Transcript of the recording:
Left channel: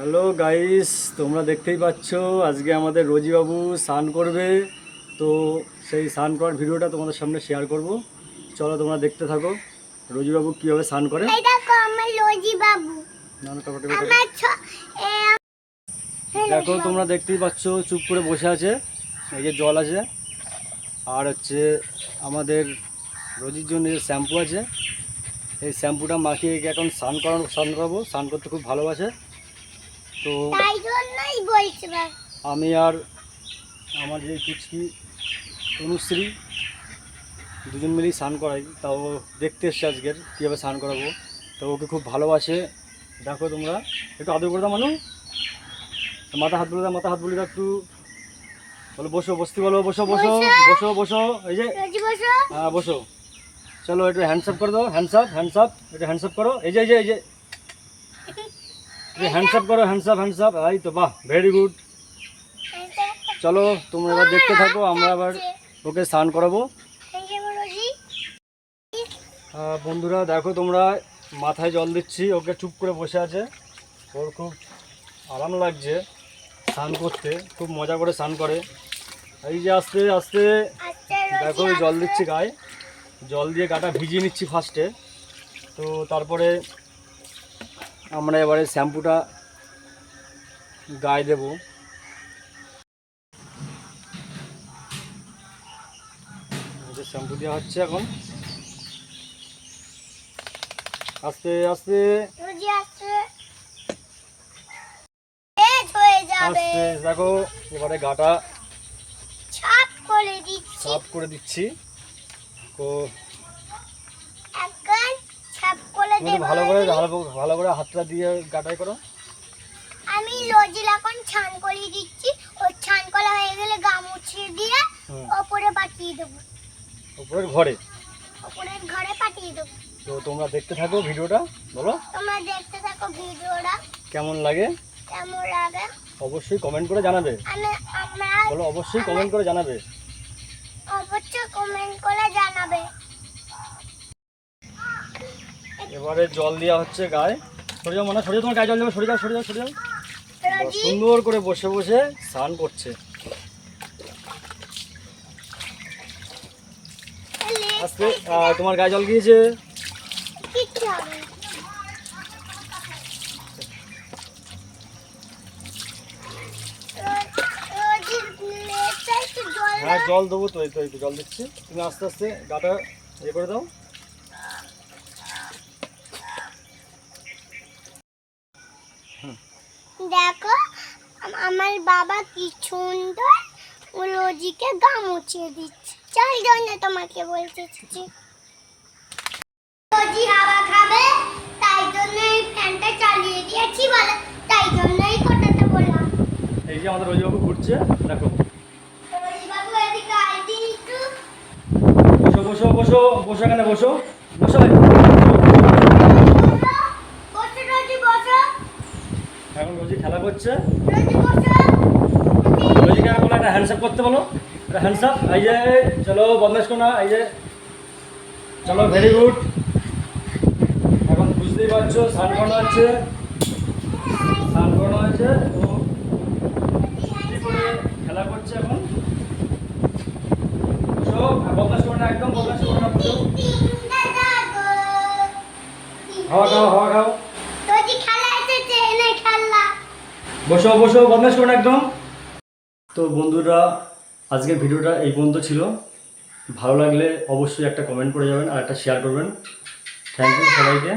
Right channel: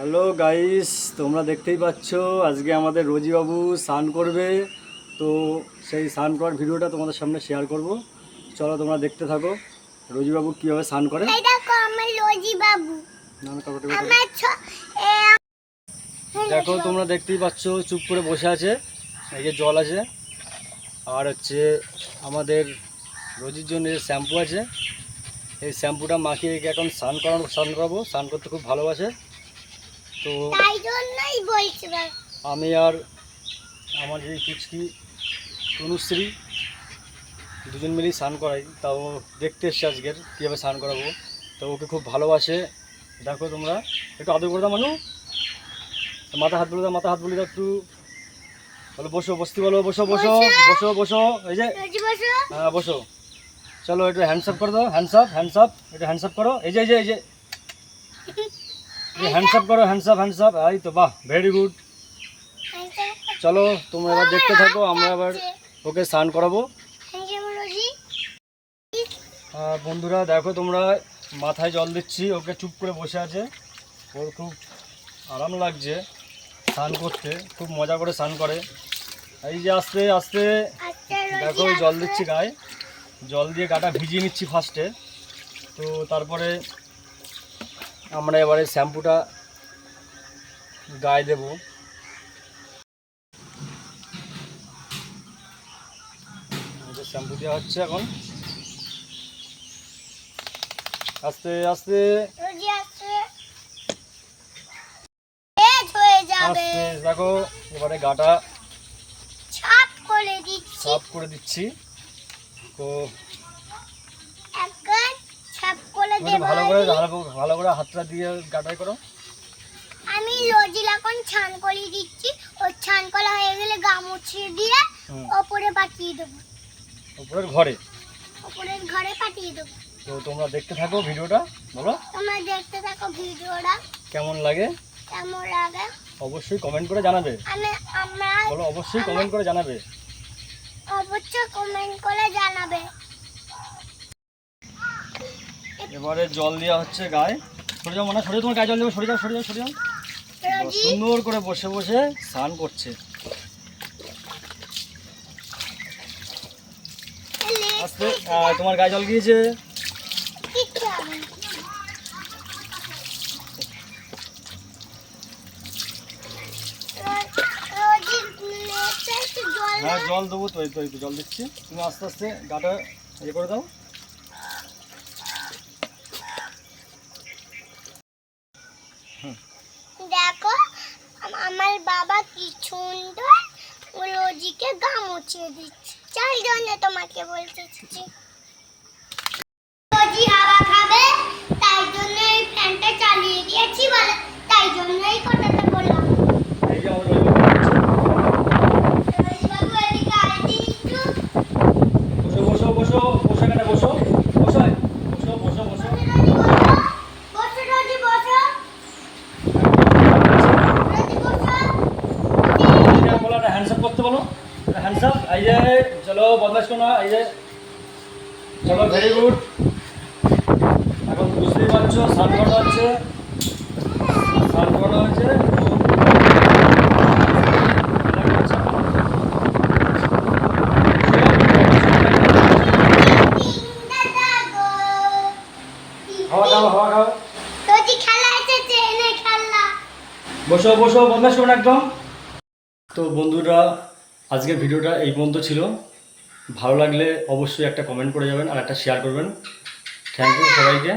Hello guys তোমরা দেখতেই পাচ্ছ আজকে আমাদের রোজিবাবু স্নান করবে। তো সেই স্নান করার ভিডিওটা তোমাদের সামনে শেয়ার করব। চলো তোমরা দেখতে থাকো রোজিবাবু কীভাবে স্নান করে। দেখো তোমরা দেখতেই পাচ্ছ চুপ করে বসে আছে এই যে জল আছে। আর হচ্ছে আমাদের রোজির জন্য যে শ্যাম্পু আছে এই শ্যাম্পুটা মাখিয়ে এখন স্নান করানো স্নান করাবো। স্নান করতে খুব ভালোবাসে। তো তাই জন্যই বলছি ভাই আমি আর আমার যে কুচকি তনুশ্রী দুজন মিলেই স্নান করাই। তাও দেখতে এসছে আজকের কীভাবে স্নান করাবো। তো ওকে খুব ভালোবাসে। দেখো তোমরা একটু আদর করে দাও মানু। মাথা হাত বলে দাও মাথা হাত বলে দাও একটু। বলো বসো বসতে বলো বসো বসো বসো। বসো এই যে। হ্যাঁ বসো। চলো একটু হ্যান্ডসাপ করে দাও হ্যান্ডসাপ হ্যান্ডসাপ একটু হ্যান্ডসাপ করো। এই যে এই যে এই যে। হ্যান্ডসাপ করো হ্যান্ডসাপ হ্যান্ডসাপ এই তো, বাহ ভেরি গুড চলো, তোমরা এবার দেখতে থাকো, আমরা আবার ওকে স্নান করাবো। বন্ধুরা, দেখো তোমরা, মাথায় জল দিচ্ছি, ওকে চুপ করে বসে আছে। ওর খুব আরাম লাগছে স্নান করতে, খুব মজা করে স্নান করে। এই যে, আস্তে আস্তে। দেখো, জল দিচ্ছি গায়ে। জল দিয়ে গাটা ভিজিয়ে নিচ্ছি ফার্স্টে তো তারপরে আমরা এবারে শ্যাম্পুটা গায়ে দেবো। শ্যাম্পু দেওয়া হচ্ছে এখন। আস্তে আস্তে। আস্তে দেখো এবারে গাটা ছাপ সাফ করে দিচ্ছি। তো এখন ছাপ করে তুমি একটু দেবো ভালো করে। ভালো করে হাতটা দিয়ে গাটাই করো। আমি লজি এখন ছান করে দিচ্ছি। ও ছান করা হয়ে গেলে গা মুছিয়ে দিয়ে ওপরে পাঠিয়ে দেবো। উপরের ঘরে? ওপরের ঘরে পাঠিয়ে দেবো। তো তোমরা দেখতে থাকো ভিডিওটা বলো। তোমরা দেখতে থাকো ভিডিওটা। কেমন লাগে? কেমন লাগে? অবশ্যই কমেন্ট করে জানাবে। আমি আমরা বলো অবশ্যই কমেন্ট করে জানাবে। অবশ্যই কমেন্ট করে জানাবে। এবারে জল দেওয়া হচ্ছে গায়ে। সরে যাও মনে সরে যাও তোমার গায়ে জল দেবে সরে যাও সরে যাও সরে যাও। সুন্দর করে বসে বসে স্নান করছে। আহ, তোমার গায়ে জল গিয়েছে হ্যাঁ জল দেবো তো এই তো জল দিচ্ছি। তুমি আস্তে আস্তে গাটা ইয়ে করে দাও দেখো আম- আমার বাবা কি সুন্দর রোজিকে গা মুছিয়ে দিচ্ছে। চাই জন্য তোমাকে বলতেছি রোজি হাওয়া খাবে তাই জন্য এই ফ্যানটা চালিয়ে দিয়েছি বলে তাই জন্য এই কথাটা বললাম। এই যে আমাদের রোজি বসো বসো বসো এখানে বসো, বসো রোজি বসো বসো। রোজি বসো এদিকে হ্যান্ডসাপ করতে বলো। একটা হ্যান্ডসাপ এই যে চলো বদমাস করো না এই যে চলো ভেরি গুড এখন বুঝতেই পারছ স্নান করানো হচ্ছে। করানো এখন। হাওয়া খাও খাও। বসো বসো বদমাস করো না একদম। তো বন্ধুরা, আজকের ভিডিওটা এই পর্যন্ত ছিল। ভালো লাগলে অবশ্যই একটা কমেন্ট করে যাবেন আর একটা শেয়ার করবেন। থ্যাংক ইউ সবাইকে।